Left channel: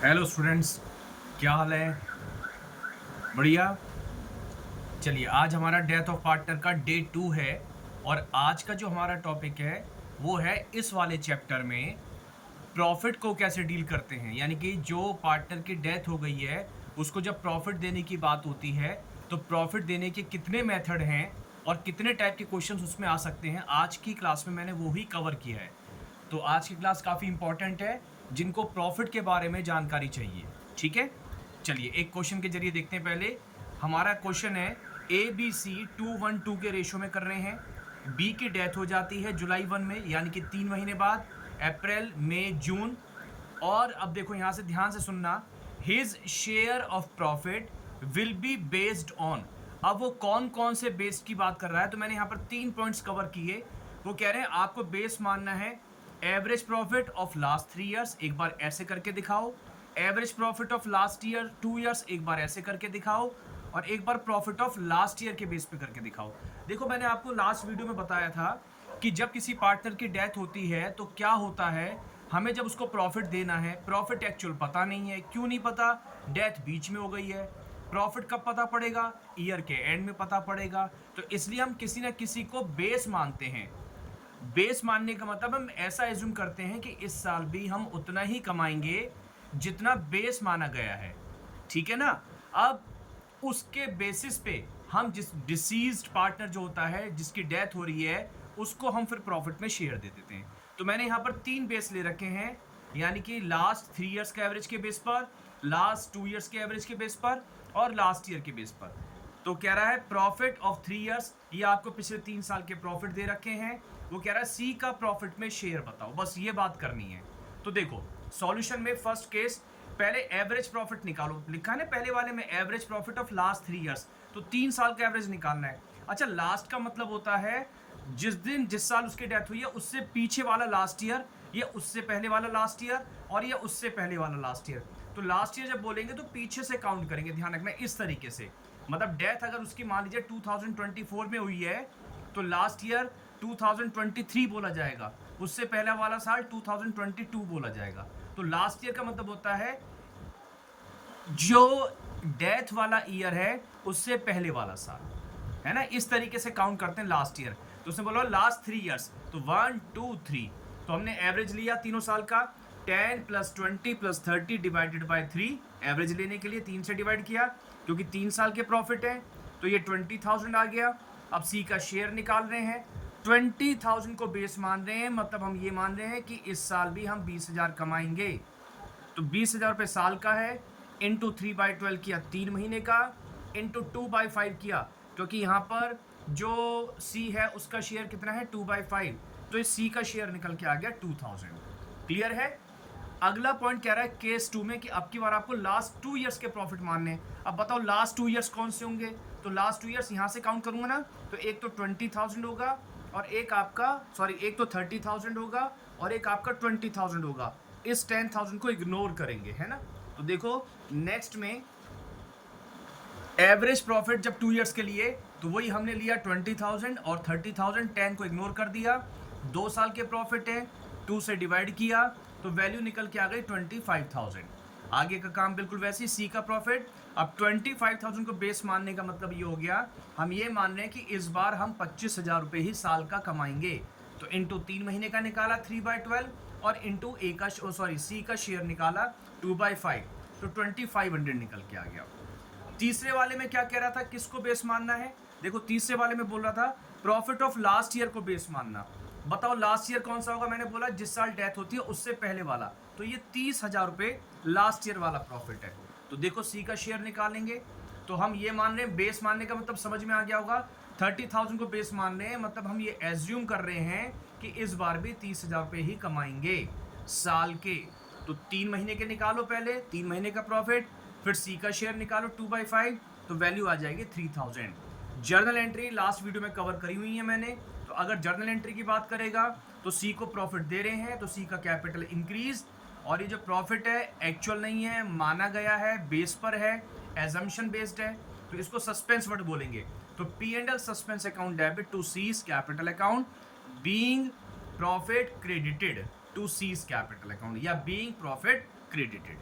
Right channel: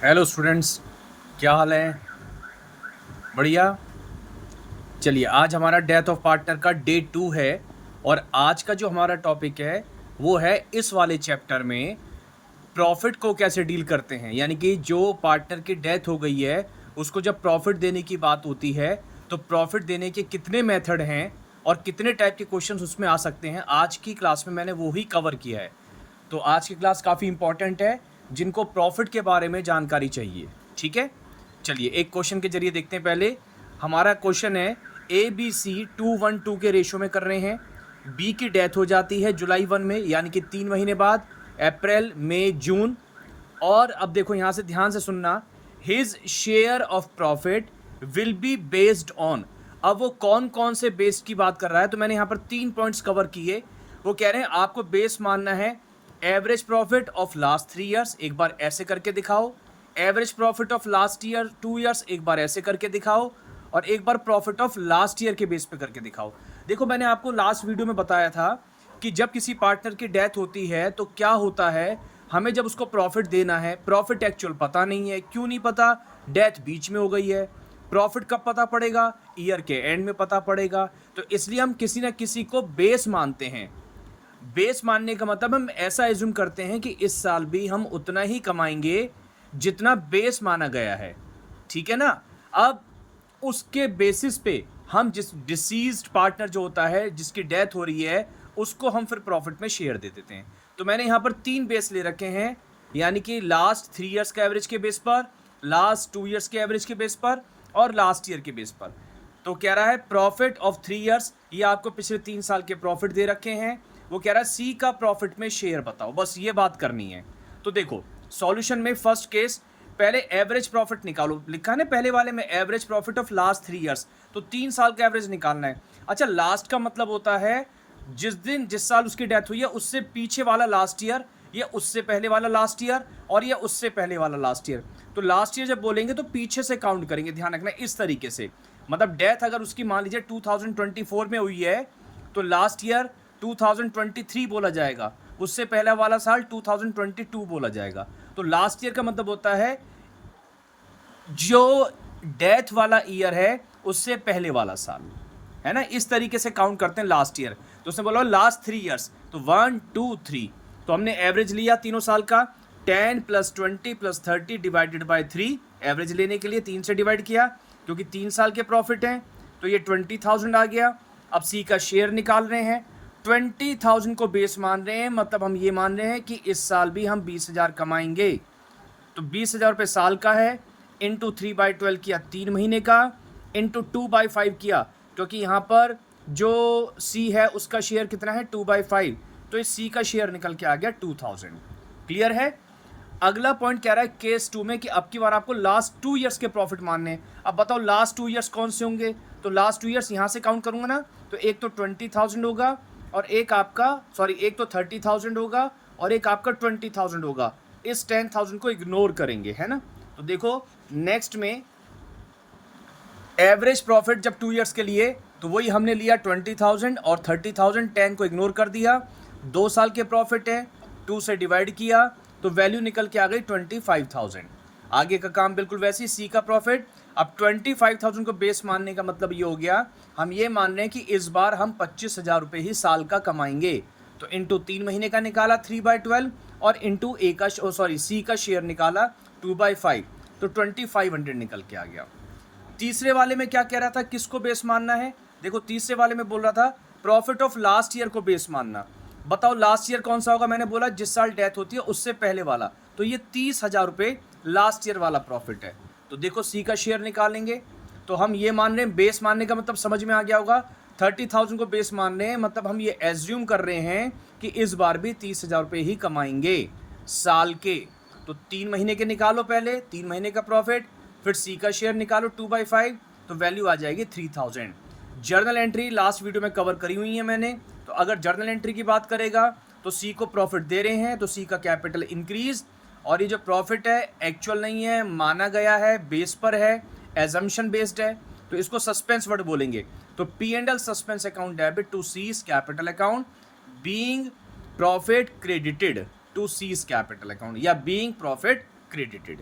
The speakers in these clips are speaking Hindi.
हेलो स्टूडेंट्स, क्या हाल है? बढ़िया। चलिए, आज हमारा डेथ ऑफ पार्टनर का डे 2 है। और आज का जो हमारा टॉपिक है वो है इस वाले चैप्टर में प्रॉफिट को कैसे डील करते हैं। यानी कि जो पार्टनर की डेथ हो गई है उसको जब प्रॉफिट देने की बात होती है तो प्रॉफिट देने के कितने मेथड हैं और कितने टाइप के क्वेश्चंस उसमें आ सकते हैं। आज की क्लास में मैंने वो ही कवर किया है। तो आज की क्लास काफ़ी इंपॉर्टेंट है जिनको प्रॉफिट के बारे में जानकारी चाहिए। ठीक है, चलिए एक क्वेश्चन के जरिए देखते हैं। पहले हमारा क्वेश्चन है ABC 2:1:2 के रेशो में कर रहे हैं। बी की डेथ हो जाती है जुलाई 1 में, यानी कि 3 महीने बाद, अप्रैल मई जून। और अब देखो यहां से ध्यान से सुनना, his share of profit will be based on. अब वो कौन कौन से बेस की बात कर रहा है, तो मैंने यहां पर 3 पॉइंट्स कवर किए। वो कह रहे हैं आपको बेस मानना है average profit of last 3 years, एक बार ऐसे करके दिखाओ। Average profit of last year 2 years, एक बार ऐसे करके दिखाओ। और एक बार प्रॉफिट ऑफ लास्ट ईयर के बेस पे करके दिखाओ। देखो मैंने आपको लास्ट वीडियो में बताया था कि जब किसी पार्टनर की डेथ होती है तो क्या होता है, हमें जब उसको प्रॉफिट देना है, प्रॉफिट एक्चुअल पता नहीं है। क्यों नहीं पता? डेथ बीच में हो गई है। प्रॉफिट कब पता पड़ेगा? ईयर के एंड में पता पड़ेगा। तो इसलिए हम किसी ना किसी को बेस मानते हैं। बेस मानने का मतलब हम ऐसा एज्यूम करते हैं कि इस साल भी हम उतना ही कमाएंगे जितना बेस माना गया है। ठीक है ना? अब उसके बेसिस पे हम जिस डिसीज्ड पार्टनर जो होता है, जिसकी डेथ हो रही है, उसको हम फिर प्रॉफिट में शेयर दे देते हैं। तो मैंने यहां पर 3 बेस ले रखे हैं, यानी कि लास्ट 3 ईयर्स के एवरेज के बेस पर, लास्ट 2 ईयर्स के एवरेज के बेस पर और लास्ट ईयर के बेस पर। तो कह रहा है प्रॉफिट ऑफ 3 ईयर्स, ये आपको पिछले 3 साल के प्रॉफिट दे रखे हैं। वो कह रहा है सी का प्रॉफिट में शेयर बताओ, बस ये बात करनी है। तो देखो सॉल्यूशन में फर्स्ट केस, पहले एवरेज प्रॉफिट निकालो। लिखा है ना पहले वाले में average profit of last 3 years, तो 3 साल का एवरेज निकालना है। अच्छा, लास्ट का मतलब होता है जिस साल उसकी डेथ हुई है उससे पीछे वाला लास्ट ईयर, या उससे पहले वाला लास्ट ईयर, और या उससे पहले वाला लास्ट ईयर। तो लास्ट ईयर जब बोलेंगे तो पीछे से काउंट करेंगे, ध्यान रखना इस तरीके से। मतलब डेथ अगर उसकी मान लीजिए 2024 में हुई है तो लास्ट ईयर 2023 बोला जाएगा, उससे पहला वाला साल 2022 बोला जाएगा। तो लास्ट ईयर का मतलब होता है जो डेथ वाला ईयर है उससे पहले वाला साल, है ना? इस तरीके से काउंट करते हैं लास्ट ईयर। तो उसने बोला लास्ट 3 ईयर्स, तो 1 2 3। तो हमने एवरेज लिया तीनों साल का, 10 + 20 + 30 डिवाइडेड बाय 3। एवरेज लेने के लिए 3 से डिवाइड किया क्योंकि 3 साल के प्रॉफिट हैं, तो ये 20,000 आ गया। अब सी का शेयर निकाल रहे हैं, 20,000 को बेस मान रहे हैं, मतलब हम ये मान रहे हैं कि इस साल भी हम 20,000 कमाएंगे। तो 20,000 रुपये साल का है, इंटू 3/12 किया 3 महीने का, इंटू 2/5 किया, क्योंकि यहाँ पर जो सी है उसका शेयर कितना है 2/5, तो इस सी का शेयर निकल के आ गया 2,000। क्लियर है? अगला पॉइंट कह रहा है केस 2 में कि अब की बार आपको लास्ट 2 ईयर्स के प्रॉफिट मानने हैं। अब बताओ लास्ट 2 ईयर्स कौन से होंगे? तो लास्ट 2 ईयर्स यहाँ से काउंट करूंगा ना, तो एक तो 20,000 होगा और एक आपका, सॉरी, एक तो 30,000 होगा और एक आपका 20,000 होगा। इस 10,000 को इग्नोर करेंगे, है ना? तो देखो नेक्स्ट में एवरेज प्रॉफिट जब 2 ईयर्स के लिए, तो वही हमने लिया 20,000 और 30,000, 10 को इग्नोर कर दिया। 2 साल के प्रॉफिट है, 2 से डिवाइड किया तो वैल्यू निकल के आ गई 25,000। आगे का काम बिल्कुल वैसे ही, सी का प्रॉफिट। अब 25,000 को बेस मानने का मतलब ये हो गया, हम ये मान रहे हैं कि इस बार हम 25,000 रुपये ही साल का कमाएंगे। तो इंटू 3 महीने का निकाला 3/12, और इंटू ए का, सॉरी, सी का शेयर निकाला 2/5, तो 2500 निकल के आ गया। तीसरे वाले में क्या कह रहा था, किसको बेस मानना है? देखो तीसरे वाले में बोल रहा था प्रॉफिट ऑफ लास्ट ईयर को बेस मानना। बताओ लास्ट ईयर कौन सा होगा? मैंने बोला जिस साल डेथ होती है उससे पहले वाला। तो ये 30,000 रुपये लास्ट ईयर वाला प्रॉफिट है। तो देखो सी का शेयर निकालेंगे, तो हम ये मान रहे हैं, बेस मानने का मतलब समझ में आ गया होगा। 30,000 को बेस मान रहे हैं, मतलब हम ये एज्यूम कर रहे हैं कि इस बार भी 30,000 रुपये ही कमाएंगे साल के। तो 3 महीने के निकालो, पहले 3 महीने का प्रॉफिट, फिर सी का शेयर निकालो 2/5, तो वैल्यू आ जाएगी 3,000। जर्नल एंट्री लास्ट वीडियो में कवर करी हुई है मैंने। तो अगर जर्नल एंट्री की बात करेगा तो सी को प्रॉफिट दे रहे हैं तो सी का कैपिटल इंक्रीज, और ये जो प्रॉफिट है एक्चुअल नहीं है, माना गया है, बेस पर है, एजम्पशन बेस्ड है, तो इसको सस्पेंस वर्ड बोलेंगे। तो P and L suspense account debit to C's capital account, being profit credited to C's capital account, या बीइंग प्रॉफिट क्रेडिटेड।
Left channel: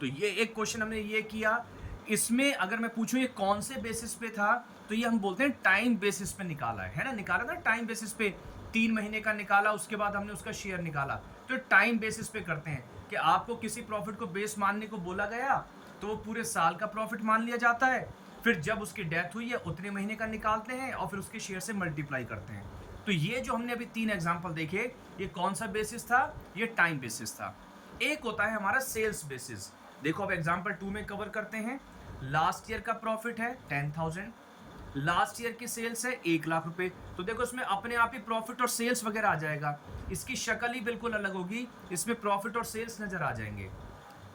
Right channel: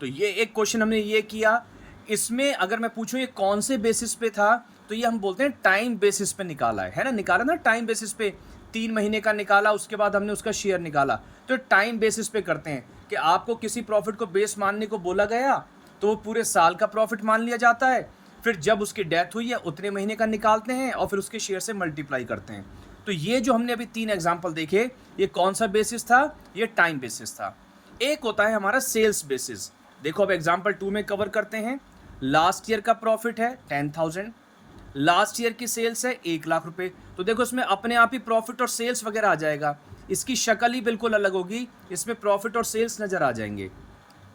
तो ये एक क्वेश्चन हमने ये किया। इसमें अगर मैं पूछूं ये कौन से बेसिस पे था, तो ये हम बोलते हैं टाइम बेसिस पे निकाला है ना, निकाला ना टाइम बेसिस पे। 3 महीने का निकाला, उसके बाद हमने उसका शेयर निकाला। तो टाइम बेसिस पे करते हैं कि आपको किसी प्रॉफिट को बेस मानने को बोला गया तो वो पूरे साल का प्रॉफिट मान लिया जाता है। फिर जब उसकी डेथ हुई है उतने महीने का निकालते हैं और फिर उसके शेयर से मल्टीप्लाई करते हैं। तो ये जो हमने अभी 3 एग्जाम्पल देखे, ये कौन सा बेसिस था? ये टाइम बेसिस था। एक होता है हमारा सेल्स बेसिस। देखो अब एग्जाम्पल 2 में कवर करते हैं। लास्ट ईयर का प्रॉफिट है 10,000, लास्ट ईयर की सेल्स है 1 लाख रुपए। तो देखो इसमें अपने आप ही प्रॉफिट और सेल्स वगैरह आ जाएगा, इसकी शक्ल ही बिल्कुल अलग होगी, इसमें प्रॉफिट और सेल्स नजर आ जाएंगे।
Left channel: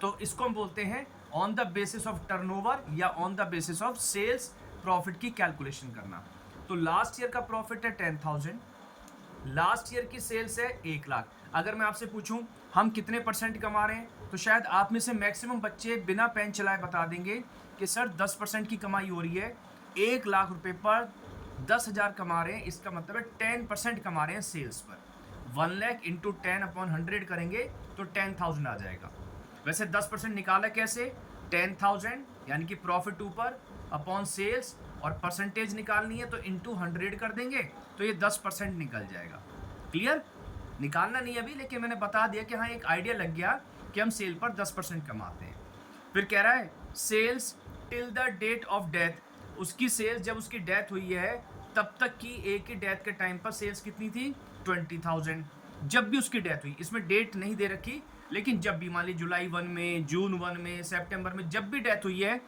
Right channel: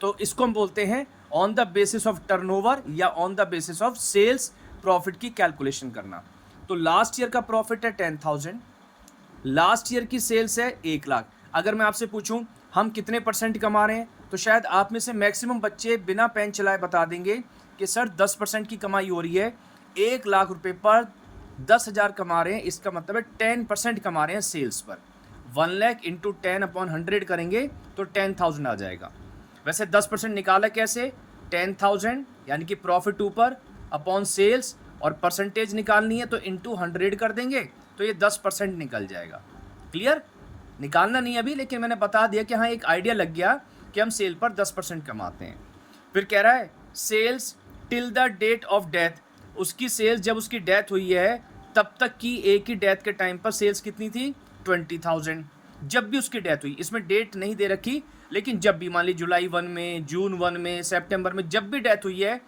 तो इसको हम बोलते हैं on the basis of turnover या on the basis of sales profit की कैलकुलेशन करना। तो लास्ट ईयर का प्रॉफिट है 10,000, लास्ट ईयर की सेल्स है 1 लाख। अगर मैं आपसे पूछूं हम कितने परसेंट कमा रहे हैं, तो शायद आप में से मैक्सिमम बच्चे बिना पेन चलाए बता देंगे कि सर 10% की कमाई हो रही है। 1 लाख रुपए पर 10,000 कमा रहे हैं, इसका मतलब है 10% कमा रहे हैं सेल्स पर। 1 लाख इंटू 10/100 करेंगे तो 10,000 आ जाएगा। वैसे 10% निकाला कैसे? 10,000 यानी कि प्रॉफिट ऊपर अपॉन सेल्स, और परसेंटेज निकालनी है तो इंटू 100 कर देंगे तो ये 10% निकल जाएगा। क्लियर? निकालना नहीं अभी, लेकिन मैंने बता दिया कि हाँ एक आइडिया लग गया कि हम सेल पर 10% कमाते हैं। फिर कह रहा है sales till the date of death, उसकी सेल्स जब उसकी डेथ हुई है तब तक की, एक ही डेथ के टाइम पर सेल्स कितनी थी? 20,000। जब भी उसकी डेथ हुई, इसमें डेट नहीं दे रखी, लेकिन जब भी मान ली जुलाई 1 में, जून 1 में, सितंबर में, जब भी डेथ हुई है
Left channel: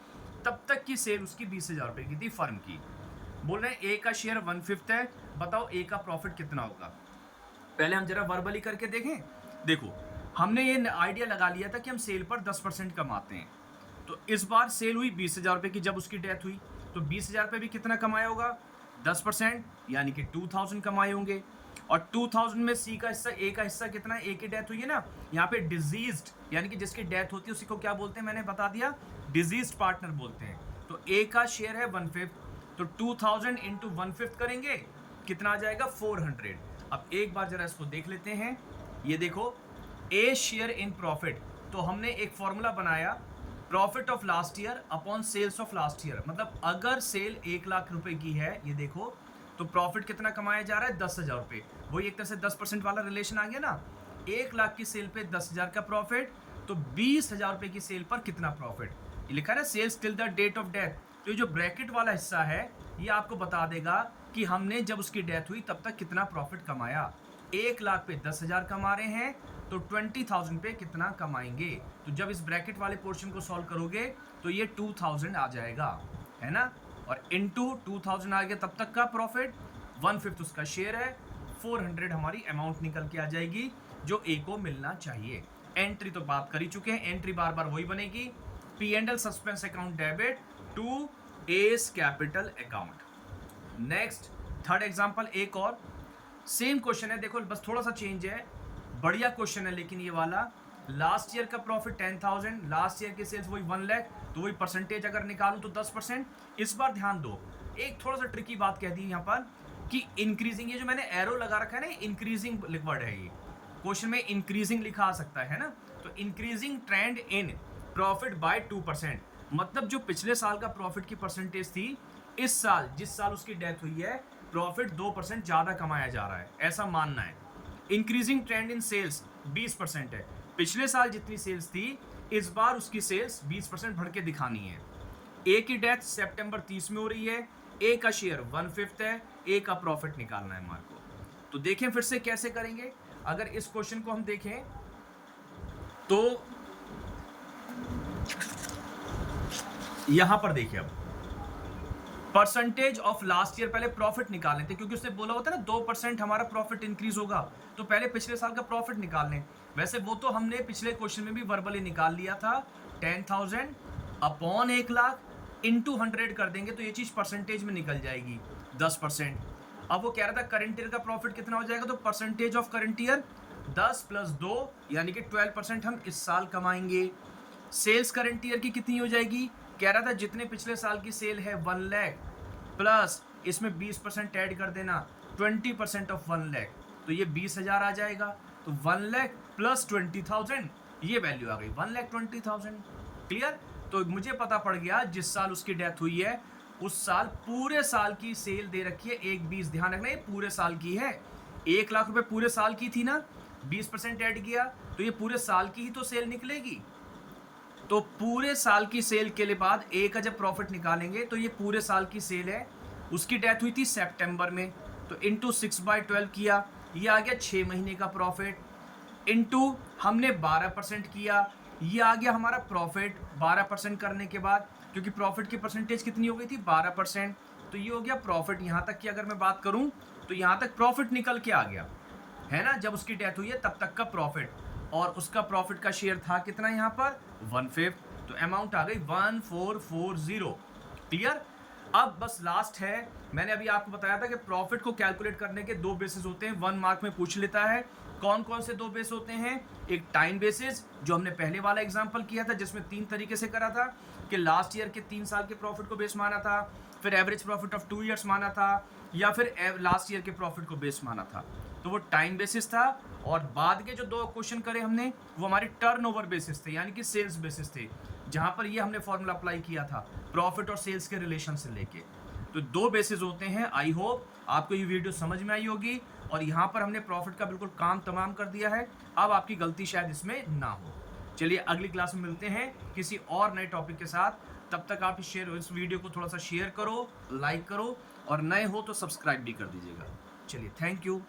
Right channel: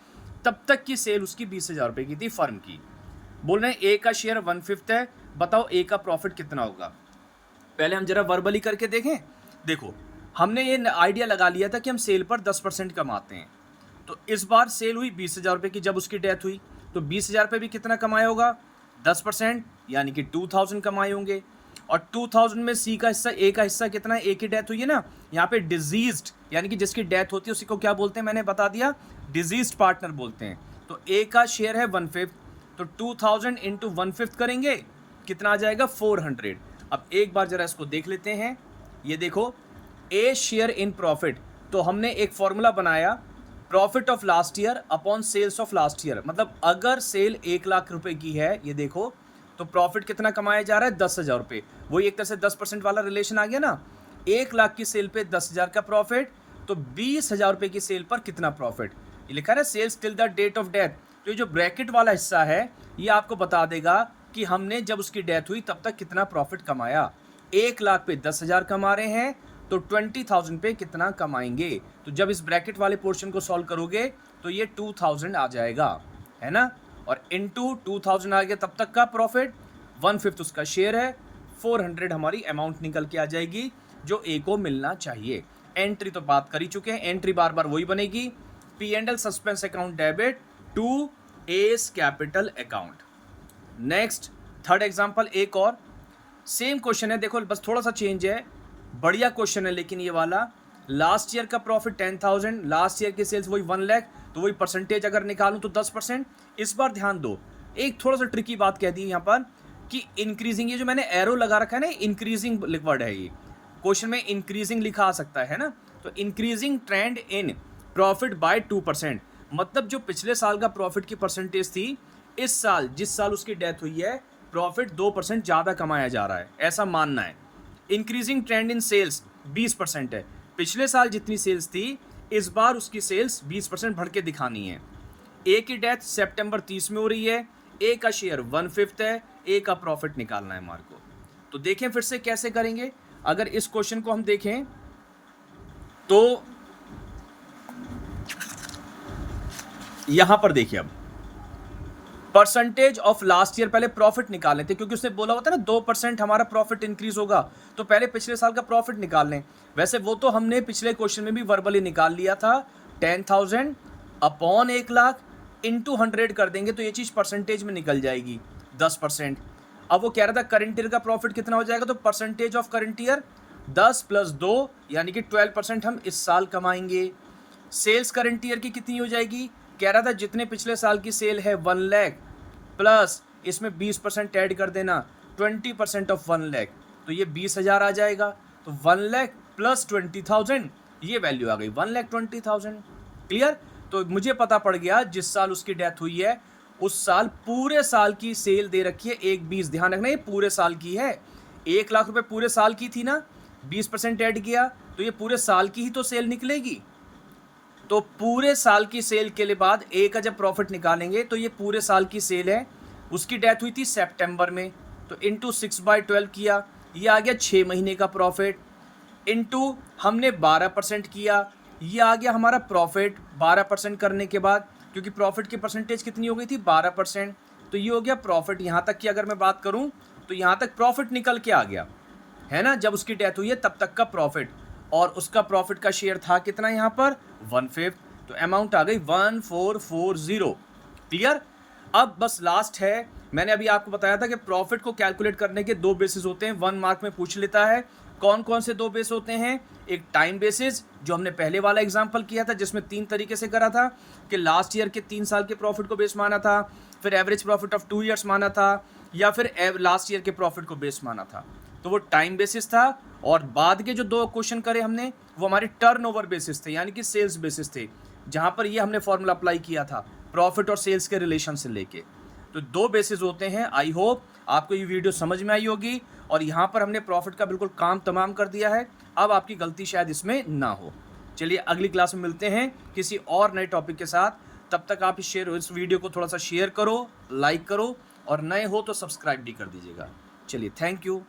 तब तक की सेल उसकी 20,000 रुपये की थी फर्म की। बोल रहे हैं ए का शेयर 1/5 है, बताओ ए का प्रॉफिट कितना होगा। पहले हम जरा वर्बली करके देखें। देखो हमने ये आइडिया लगा लिया था कि हम सेल पर 10% कमाते हैं। तो इस बार सेल हुई 20,000 रुपये की जब उसकी डेथ हुई, तो 20,000 रुपये भी कितना कमाया होगा? 10% यानी कि 2,000 कमाए होंगे। और 2,000 में सी का हिस्सा, ए का हिस्सा कितना है? ए की डेथ हुई है ना, यहाँ पे डिजीज्ड यानी कि जिसकी डेथ होती है उसी को क्या बोलते हैं? मैंने बता दिया, डिजीज्ड पार्टनर बोलते हैं। तो ए का शेयर है 1/5, तो 2,000 इंटू 1/5 करेंगे, कितना आ जाएगा? 400। अब एक बार जरा इसको देख लेते हैं। ये देखो ए शेयर इन प्रॉफिट, तो हमने एक फॉर्मूला बनाया, profit of last year upon sales of last year. मतलब अगर सेल 1 लाख रुपए की है, ये देखो, तो प्रॉफिट कितना कमाया जा रहा है? 10,000 रुपये। वही एक तरह से 10% वाला रिलेशन आ गया ना। 1 लाख की सेल पे 10,000 का प्रॉफिट, तो 20,000 रुपये की सेल पर कितना प्रॉफिट? ये लिखा है sales till the date of death. तो ये जो ब्रैकेट वाला हिस्सा है ये आपको बता देगा कि हमने जब उसकी डेथ हुई तब तक कितना प्रॉफिट कमाया। 1 लाख पे 10,000 कमा रहे हैं तो 20,000 पे कितना कमाएंगे। तो जब इस ब्रैकेट वाले पोर्शन को सॉल्व करोगे तो ये 2,000 आ जाएगा, है ना। और इंटू 2,000 आ गया तब तक का प्रॉफिट, 1/5 उसका शेयर है, 400 हमारी अमाउंट निकल के आ जाएगी जो ए को मिलना चाहिए। एंट्री तो बात कर ही चुके हैं, एंट्री बार बार वही बनेगी, P&L suspense account debit to S capital account. Next third example एक और सेम क्वेश्चन है, देखो बस थोड़ा सा चेंज है, बढ़िया क्वेश्चन है लेकिन ये वाला। लास्ट ईयर का प्रॉफिट 10,000, लास्ट ईयर की सेल्स वही 1 लाख, तो वही परसेंटेज अगर निकालूं तो 10%। इस बार ध्यान दो, एक थोड़ा सा ट्रिकी बात कह दी यहाँ पर कि इंक्रीजिंग, ये जो मैंने एरो लगा रखा है ना, इंक्रीजिंग वर्ड है, ये क्वेश्चन में इंक्रीजिंग लिखा आ सकता है ना। तो increasing trend in profit by 2%, मतलब जो पिछले साल का प्रॉफिट की परसेंटेज थी, इस साल जिस साल उसकी डेथ हुई है प्रॉफिट 2% ज़्यादा कमाया जा रहा है, ऐसा मानना है। इंक्रीजिंग ट्रेंड इन सेल्स 20% है, पिछले साल जितनी सेल्स थी इस बार उसकी सेल्स 20% बढ़ के दिखानी है। ए की डेथ सितंबर 30 में हो रही है, ए का शेयर 1/5 है, ए का प्रॉफिट निकालना है हमारे को। तो देखें फिर से कैसे करेंगे। अगर इस क्वेश्चन को हम देखें तो यहां पर देखिए, अब परसेंटेज ऑफ लास्ट ईयर, पहले प्रॉफिट निकाल लेते क्योंकि उसने बोला होता है ना 2% हमारा प्रॉफिट इंक्रीज होगा, तो पहले पिछले साल का प्रॉफिट निकाल लें। वैसे वो तो हमने पिछले क्वेश्चन में भी वर्बली निकाल लिया था, 10,000 अपॉन 1 लाख इंटू 100 कर देंगे तो ये चीज़ परसेंटेज में निकल जाएगी 10%। अब वो कह रहा था करंट ईयर का प्रॉफिट कितना हो जाएगा, तो परसेंटेज ऑफ करंट ईयर 10 + 2 यानी कि 12% हम इस साल कमाएंगे। सेल्स करंट ईयर की कितनी हो जाएगी, कह रहा था जितने पिछले साल की सेल है 1 लाख प्लस इसमें 20% ऐड कर देना, 20% ऑफ 1 लाख, तो ये 20,000 आ जाएगा। तो 1 लाख प्लस 20,000, ये वैल्यू आ गई 1,20,000। क्लियर? तो मुझे पता पड़ गया जिस साल उसकी डेथ हुई है उस साल पूरे साल की सेल दे रखी है 1/20। ध्यान रखना ये पूरे साल की है। 1 लाख रुपए पूरे साल की थी ना, 20% ऐड किया तो ये पूरे साल की ही तो सेल निकलेगी। तो पूरे साल की सेल के लिए बाद ए का जब प्रॉफिट निकालेंगे तो ये पूरे साल की सेल है। उसकी डेथ हुई थी सितंबर में, तो इंटू 6/12 किया, ये आ गया 6 महीने का प्रॉफिट। इंटू हमने 12% किया, ये आ गया हमारा प्रॉफिट 12% करने के बाद, क्योंकि प्रॉफिट की परसेंटेज कितनी हो गई थी 12%। तो ये हो गया प्रॉफिट। यहाँ तक की अगर मैं बात करूँ तो यहाँ तक प्रॉफिट निकल के आ गया है ना, जब उसकी डेथ हुई है तब तक का प्रॉफिट। और उसका प्रॉफिट का शेयर था कितना यहाँ पर 1/5, तो अमाउंट आ गई 1440। क्लियर? अब बस लास्ट है, मैंने अभी आपको बताया था कि प्रॉफिट को कैलकुलेट करने के 2 बेसिस होते हैं, 1 मार्क में पूछ लेता है। कौन कौन से 2 बेस होते हैं? एक टाइम बेसिस जो हमने पहले वाला एग्जांपल किया था जिसमें 3 तरीके से करा था कि लास्ट ईयर के 3 साल के प्रॉफिट को बेस माना था, फिर एवरेज प्रॉफिट ऑफ 2 ईयर्स माना था, या फिर लास्ट ईयर के प्रॉफिट को बेस माना था। तो वो टाइम बेसिस था। और बाद के जो 2 क्वेश्चन करे हमने वो हमारे टर्नओवर बेसिस थे, यानी कि सेल्स बेसिस थे, जहां पर ये हमने फॉर्मूला अप्लाई किया था प्रॉफिट और सेल्स के रिलेशन से लेके। तो 2 बेसिस होते हैं। आई होप आपको ये वीडियो समझ में आई होगी और यहाँ पर हमने प्रॉफिट का बिल्कुल काम तमाम कर दिया है। अब आपकी गलती शायद इसमें ना हो। चलिए अगली क्लास में मिलते हैं किसी और नए टॉपिक के साथ। तब तक आप इस वीडियो को थोड़ा सा शेयर करो, लाइक करो, और नए हो तो सब्सक्राइब भी कर दीजिएगा। चलिए, थैंक यू।